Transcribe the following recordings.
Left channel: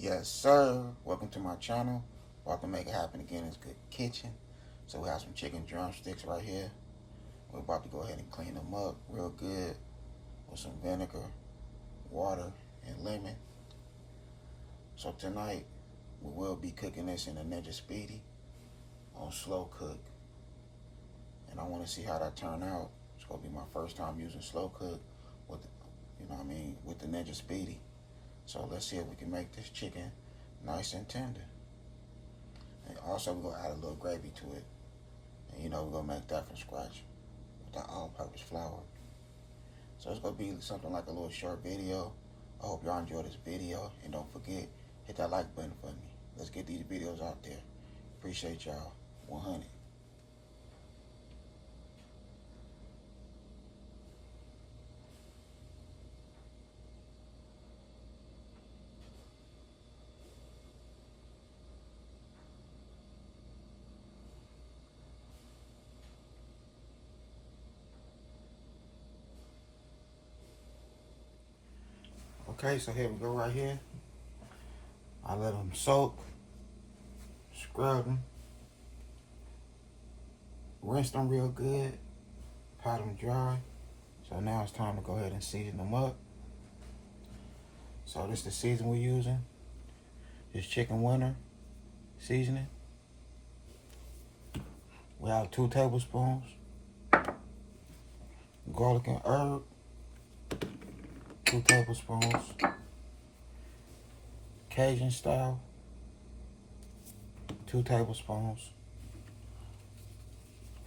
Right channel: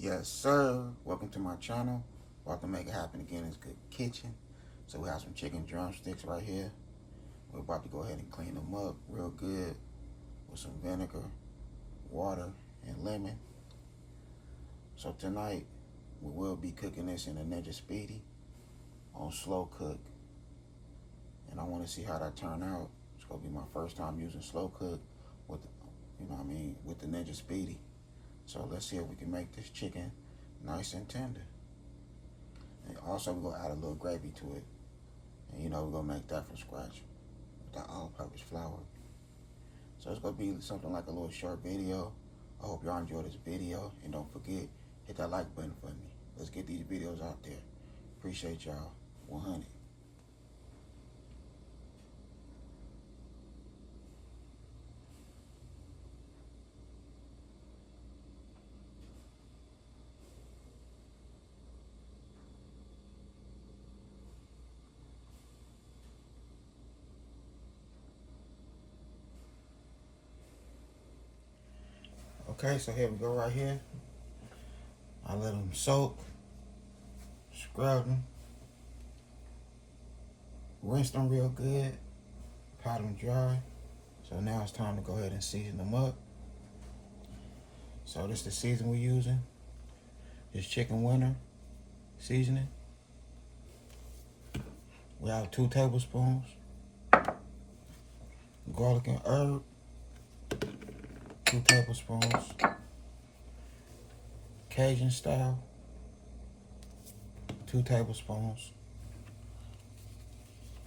Yes, sir. Welcome to my channel. About to make it happen again. It's Good Kitchen. So we have some chicken drumsticks right here. We're about to go ahead and clean them up real good with some vinegar, water, and lemon. So tonight we will be cooking this in a Ninja Speedy on slow cook, and I want to see how that turn out. It's gonna be my first time using slow cook with, with the Ninja Speedy. So let's see if we can make this chicken nice and tender. And also we're gonna add a little gravy to it. And we're gonna make that from scratch with that all-purpose flour. So it's gonna be something like a little short video. I hope y'all enjoy this video, and don't forget, hit that like button for me. Let's get these videos out there. Appreciate y'all. 100. Okay, so here we go right here. I let them soak, scrub them, rinse them real good, pat them dry. So now it's time to go ahead and season them up. So this is the season we're using. This chicken winter seasoning. We have 2 tablespoons. Garlic and herb, 2 tablespoons. Cajun style, 2 tablespoons.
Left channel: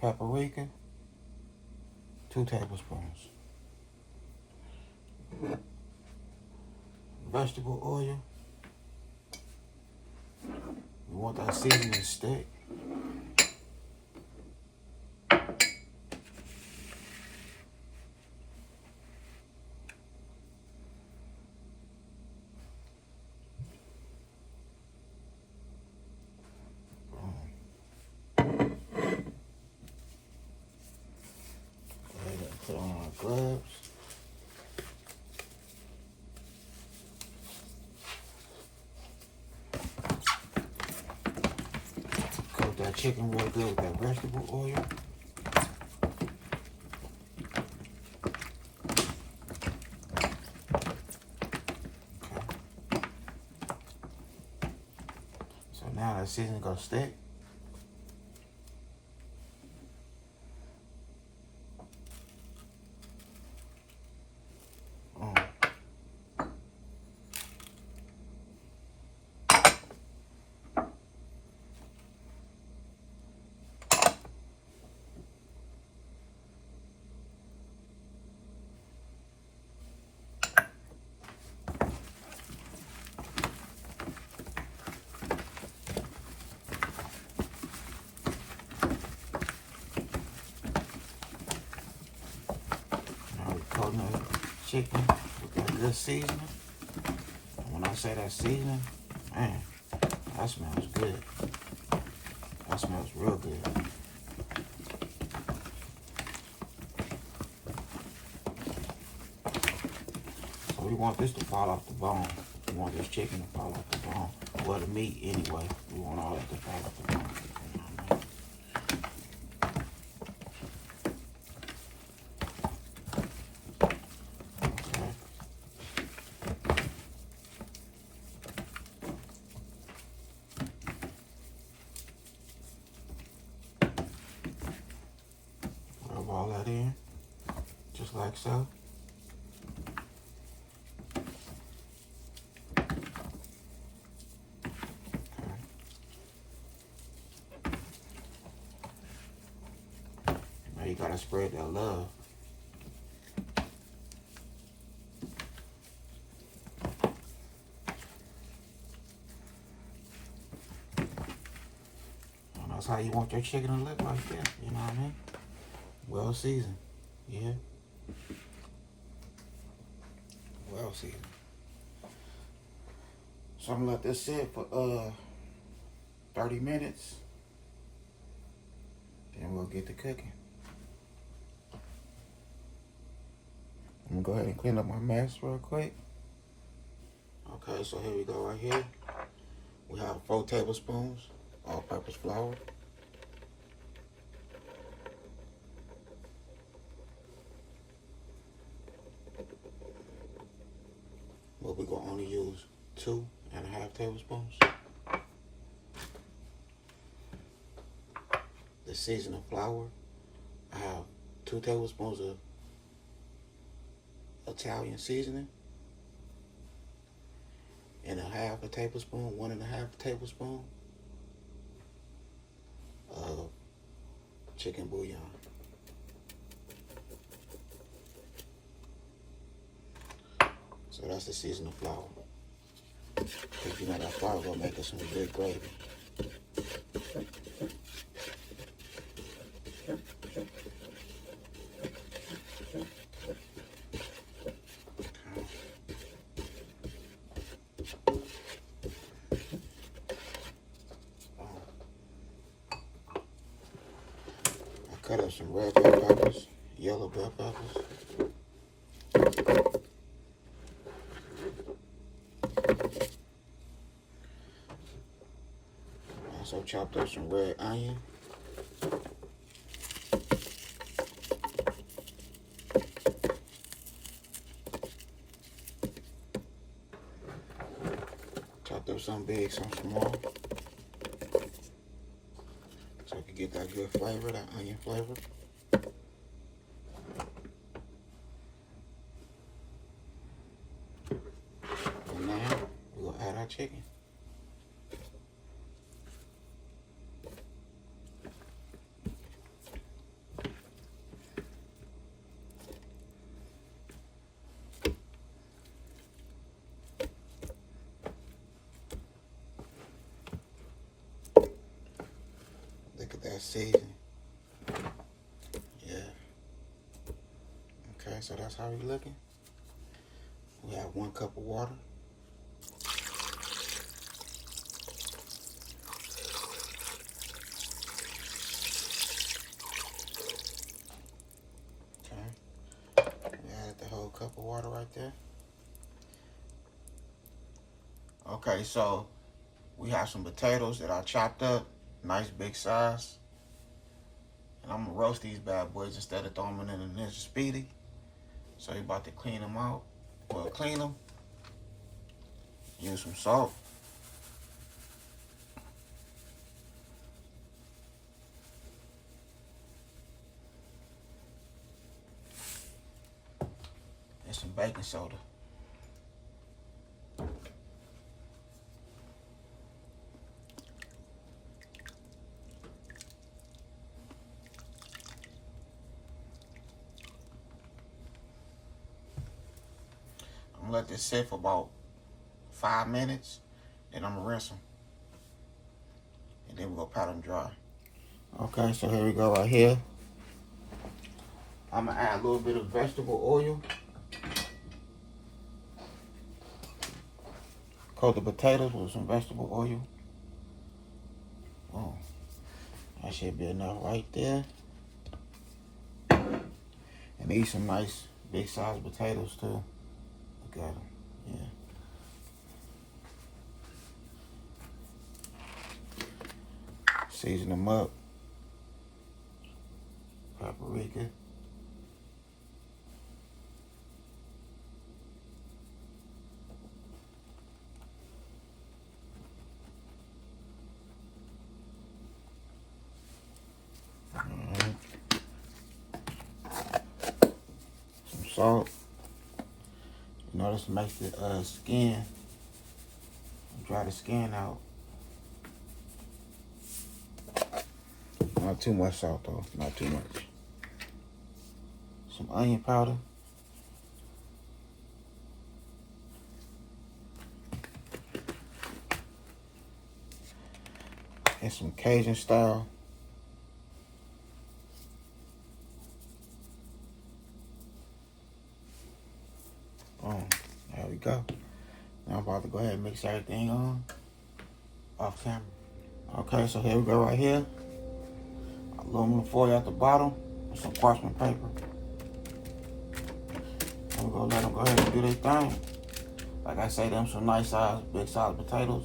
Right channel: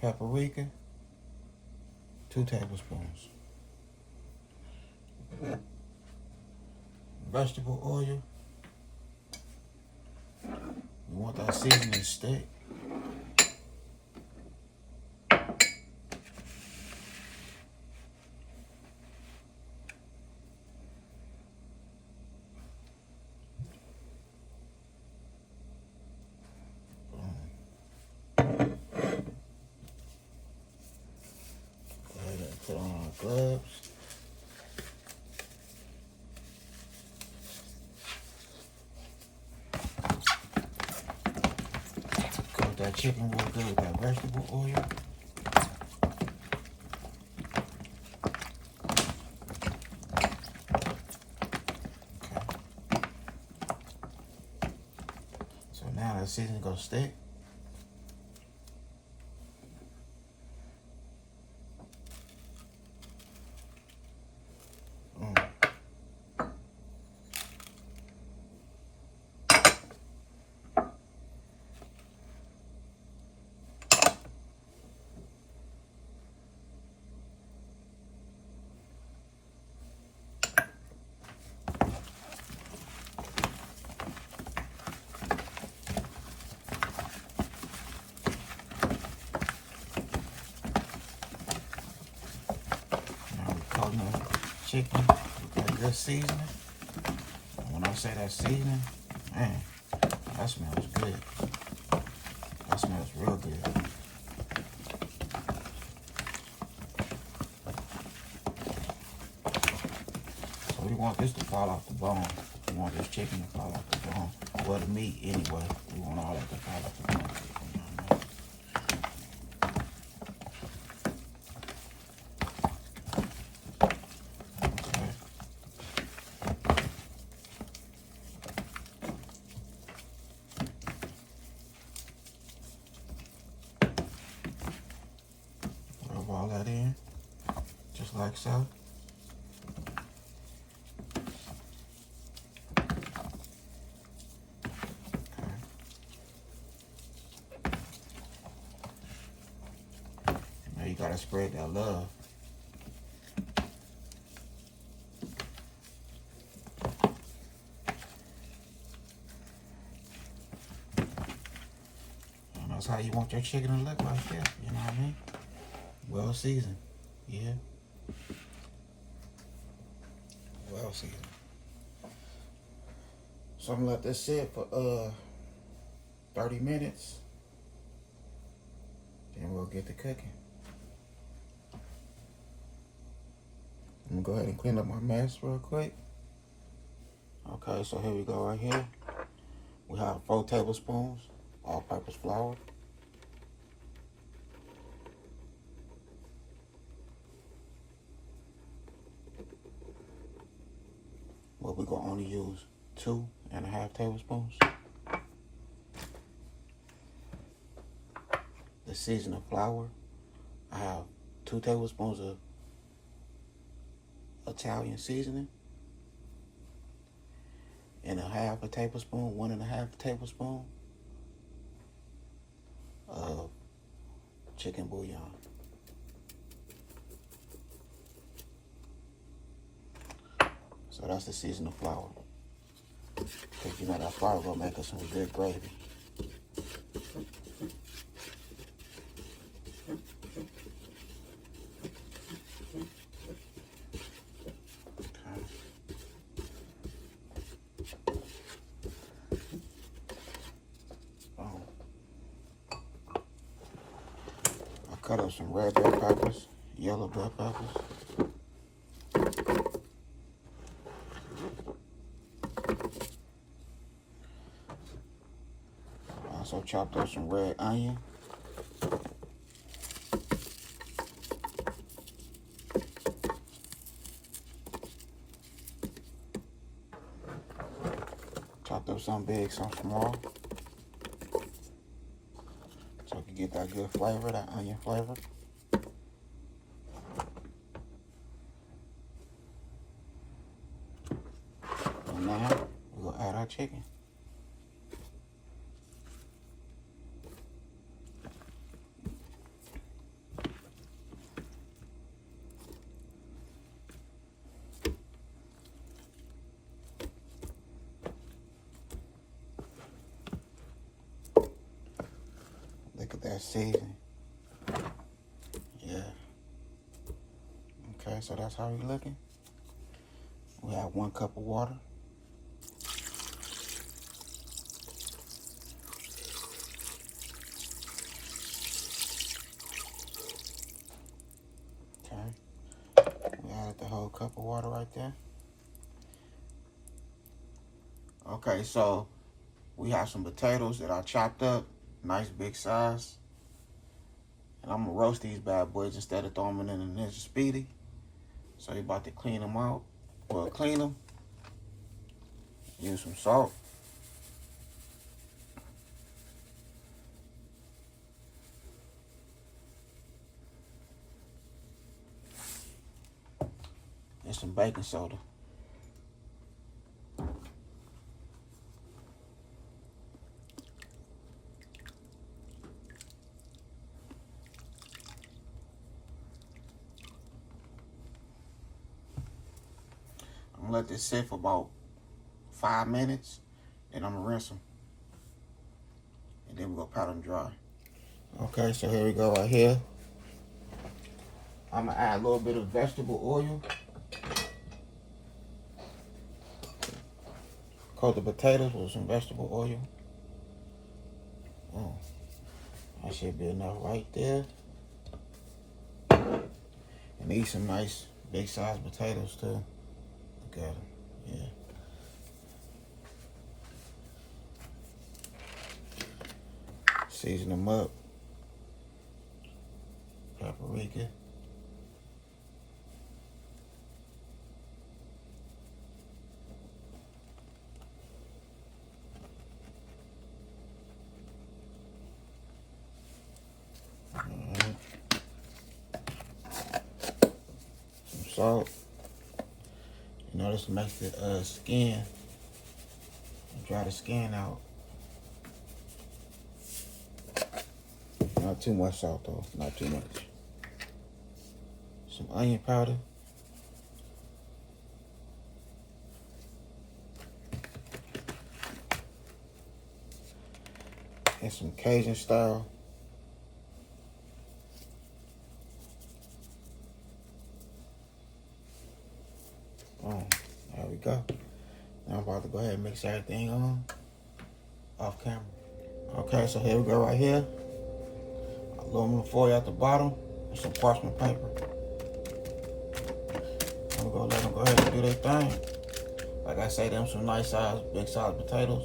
Paprika, 2 tablespoons. Vegetable oil. We want that seasoning to stick. Put on our gloves. Coat that chicken real good with that vegetable oil. Okay. So now that season gonna stick. Coating the chicken with that good seasoning. When I say that seasoning, man, that smells good. That smells real good. So we want this to fall off the bone. We want this chicken to fall off the bone. Well, the meat anyway. We want all that to fall off the bone. All that in, just like so. Okay. Now you gotta spread that love. And that's how you want your chicken to look like that, you know what I mean? Well seasoned, yeah. Well seasoned. So I'm gonna let this sit for 30 minutes. Then we'll get to cooking. I'm gonna go ahead and clean up my mess real quick. Okay, so here we go right here. We have 4 tablespoons all-purpose flour. But we're gonna only use 2.5 tablespoons. The seasoning flour, I have 2 tablespoons of Italian seasoning and 1/2 tablespoon, 1.5 tablespoon of chicken bouillon. So that's the seasoning flour. Because you know that flour gonna make us some good gravy. Cut up some red bell peppers, yellow bell peppers. Also chopped up some red onion. Chopped up some big, some small. So I can get that good flavor, that onion flavor. And now we'll add our chicken. Look at that seasoning. Yeah. Okay, so that's how we're looking. We have 1 cup of water. Okay. We added the whole cup of water right there. Okay, so we have some potatoes that I chopped up. Nice big size. And I'm gonna roast these bad boys instead of throwing them in the Ninja Speedy. So you're about to clean them out. Well, clean them. Use some salt. And some baking soda. I'm gonna let this sit for about 5 minutes, then I'm gonna rinse them. And then we're gonna pat them dry. Okay, so here we go right here. I'm gonna add a little bit of vegetable oil. Coat the potatoes with some vegetable oil. Oh, that should be enough right there. And eat some nice big sized potatoes too. Look at them, yeah. Season them up. Paprika. Some salt. You know, this makes the skin, dry the skin out. Not too much salt though, not too much. Some onion powder. And some Cajun style. There we go. Now I'm about to go ahead and mix everything on off camera. Okay, so here we go right here. Aluminum foil at the bottom with some parchment paper. And we're gonna let them go ahead and do their thing. Like I say, them some nice size, big size potatoes.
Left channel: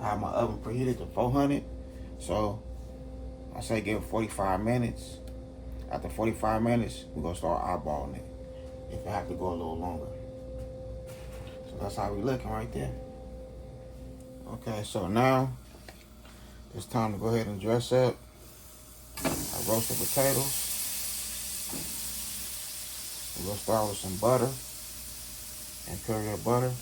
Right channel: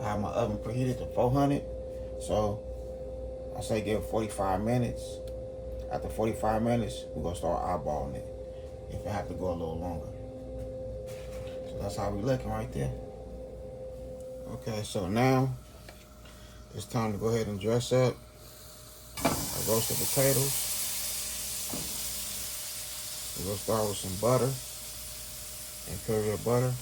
I have my oven preheated to 400. So I say give it 45 minutes. After 45 minutes, we're gonna start eyeballing it. If it have to go a little longer. So that's how we looking right there. Okay, so now it's time to go ahead and dress up our roasted potatoes. We're gonna start with some butter, imperial butter.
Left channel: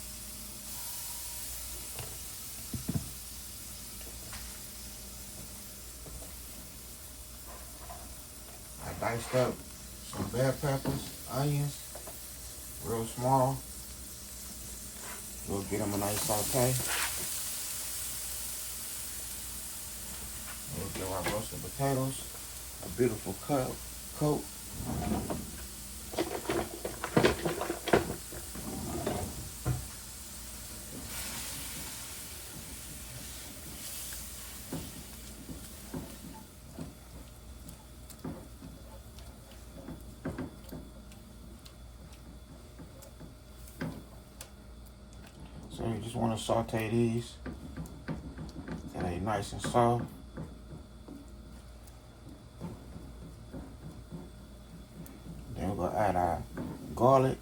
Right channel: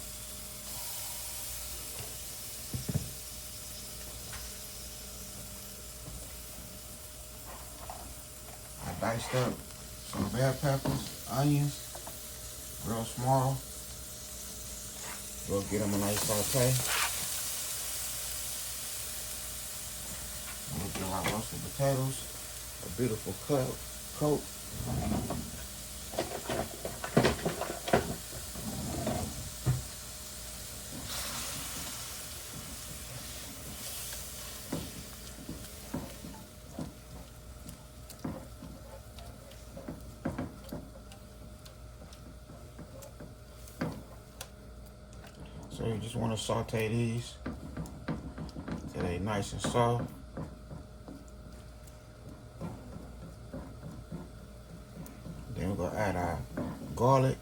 I diced up some bell peppers, onions, real small. We'll get them a nice saute. We'll give our roasted potatoes a beautiful coat. So you just want to saute these so they're nice and soft. Then we're gonna add our garlic.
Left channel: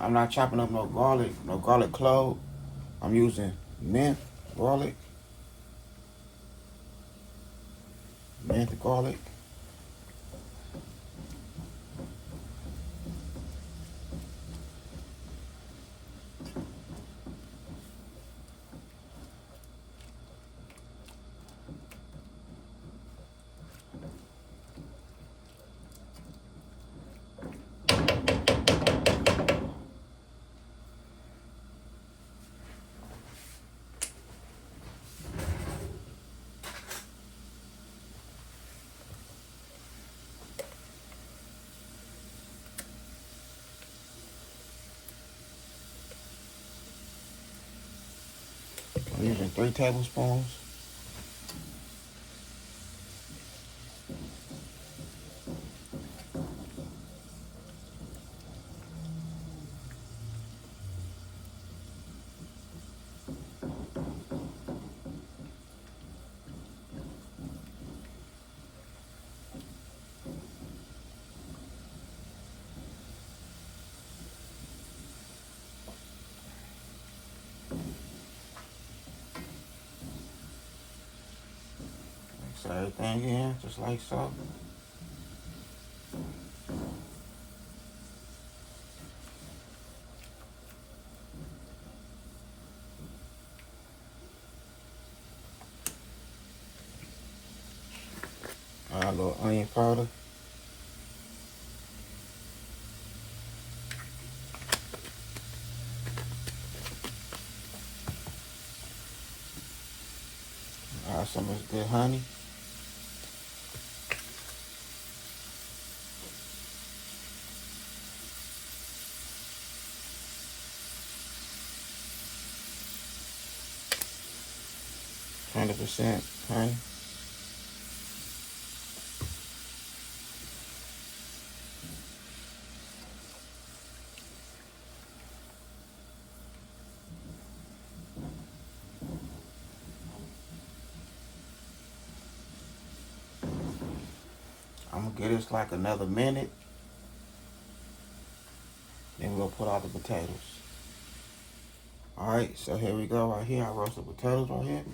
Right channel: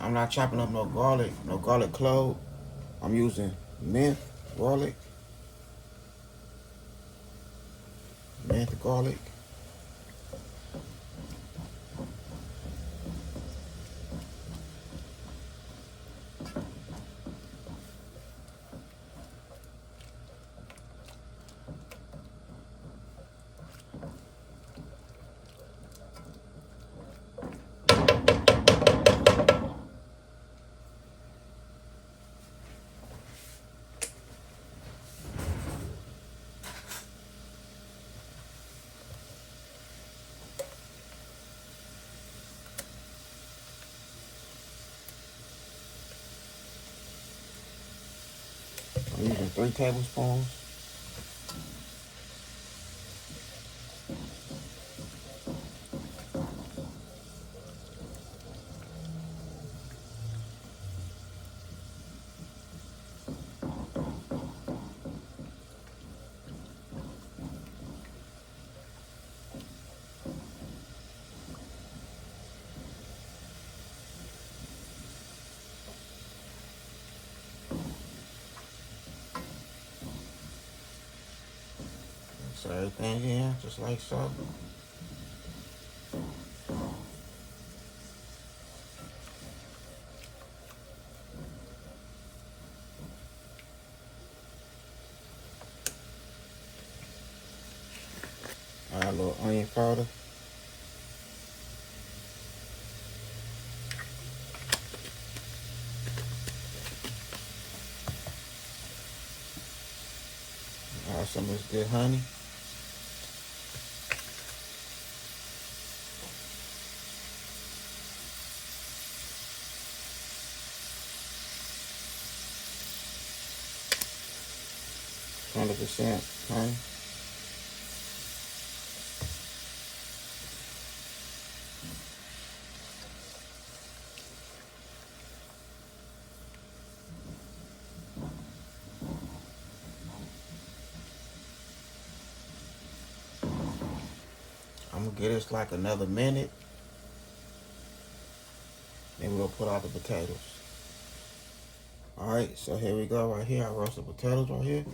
I'm not chopping up no garlic clove. I'm using mint garlic. Mint garlic. I'm using 3 tablespoons. Mix everything in just like so. Add a little onion powder. Add some of this good honey. %, honey. I'm gonna give this like another minute. Then we're gonna put out the potatoes. Alright, so here we go right here. I roasted potatoes right here.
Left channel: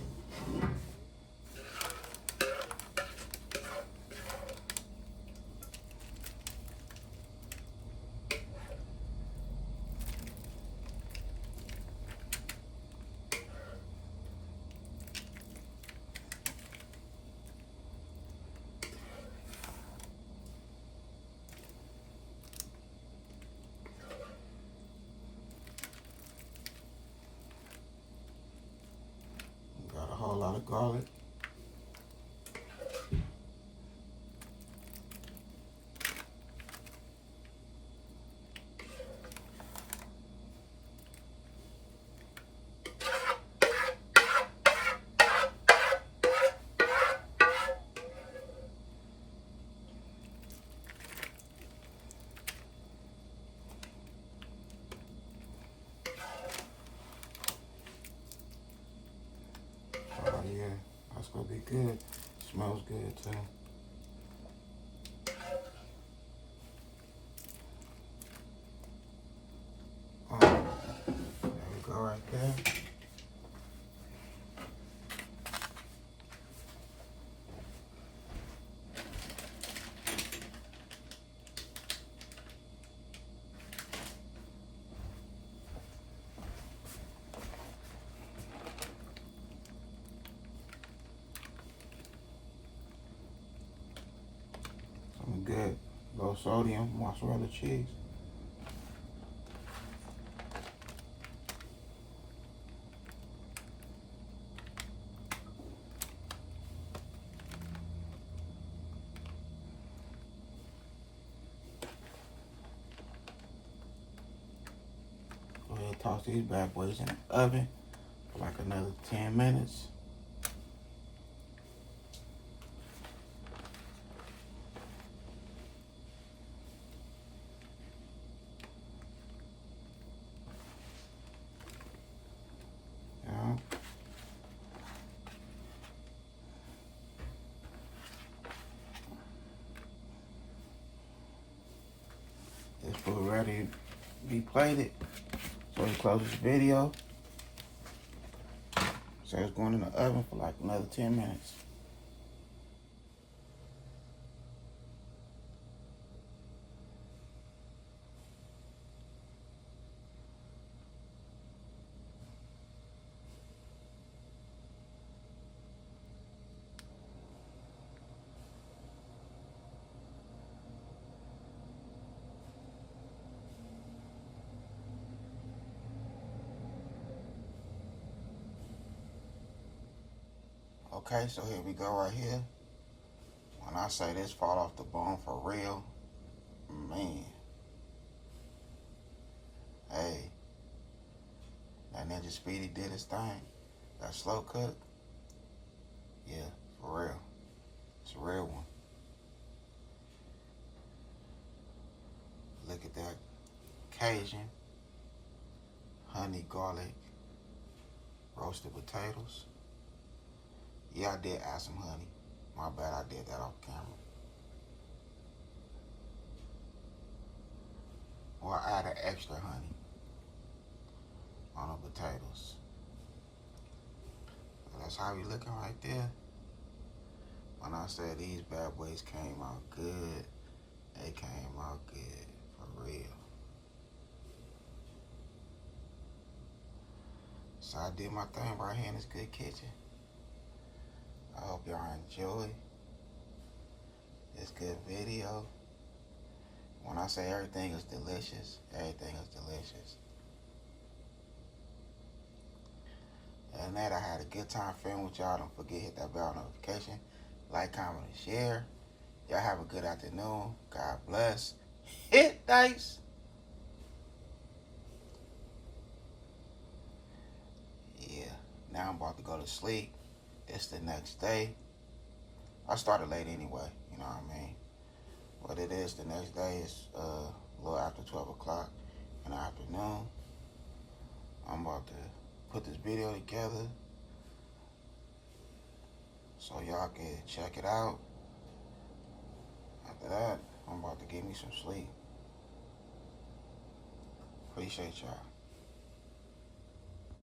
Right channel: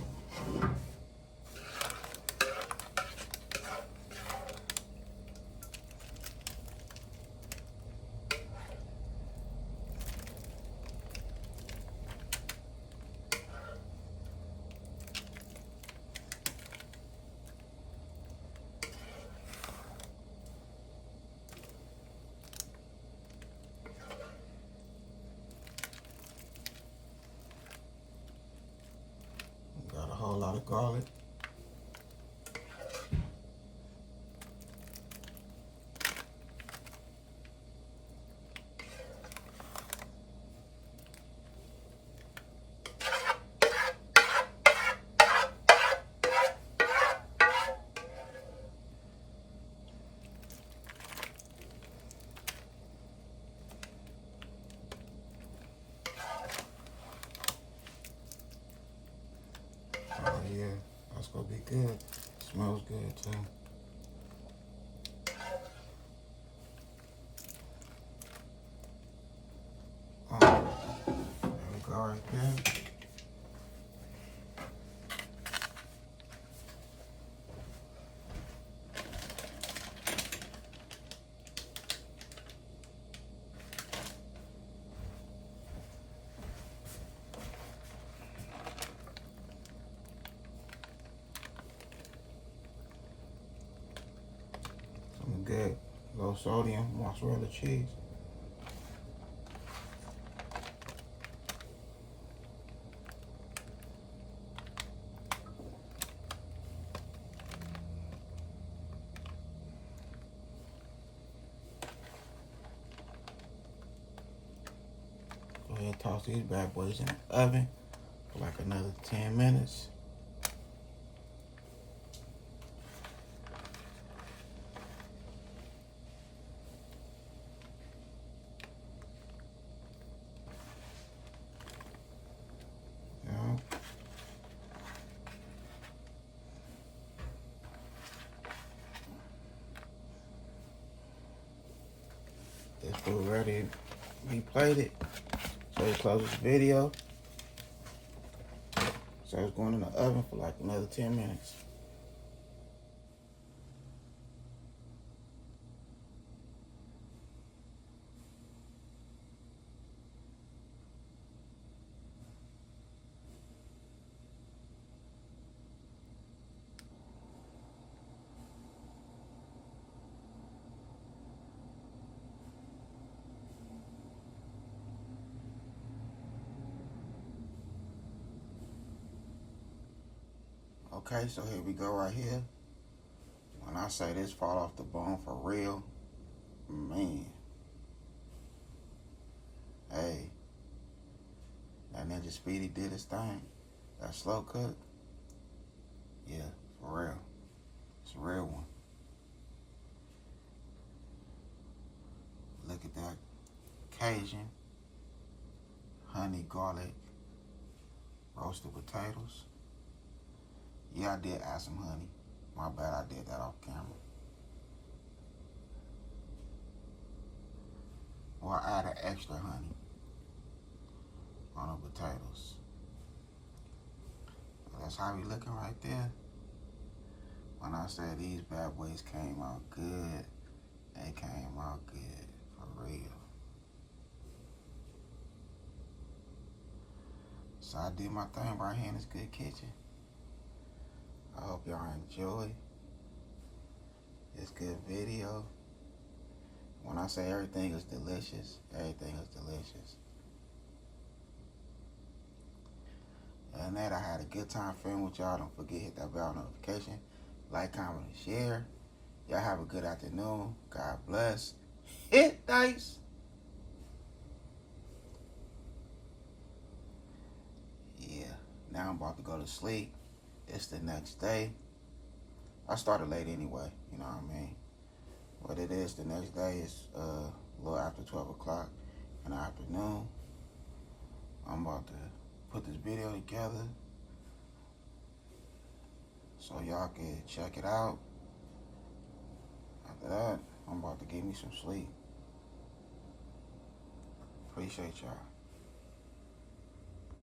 Got a whole lot of garlic. That's gonna be good. Smells good too. There we go right there. Some good low sodium mozzarella cheese. Go ahead and toss these bad boys in the oven for like another 10 minutes. This food ready to be plated. So we close this video. So it's going in the oven for like another 10 minutes. Okay, so here we go right here. When I say this fall off the bone for real, man. Hey, that Ninja Speedy did his thing. That slow cook, yeah, for real. It's a real one. Look at that Cajun, honey garlic, roasted potatoes. Yeah, I did add some honey. My bad, I did that off camera. Or I added extra honey on the potatoes. So that's how we looking right there. When I said these bad boys came out good, they came out good, for real. So I did my thing right here in this good kitchen. I hope y'all enjoy this good video. When I say everything is delicious, everything is delicious. And that I had a good time filming with y'all. Don't forget, hit that bell notification, like, comment, and share. Y'all have a good afternoon. God bless. Hit dice. Yeah, now I'm about to go to sleep. It's the next day. I started late anyway, you know what I mean? What it is, the next day is a little after 12 o'clock in the afternoon. I'm about to put this video together so y'all can check it out. After that, I'm about to get me some sleep. Appreciate y'all.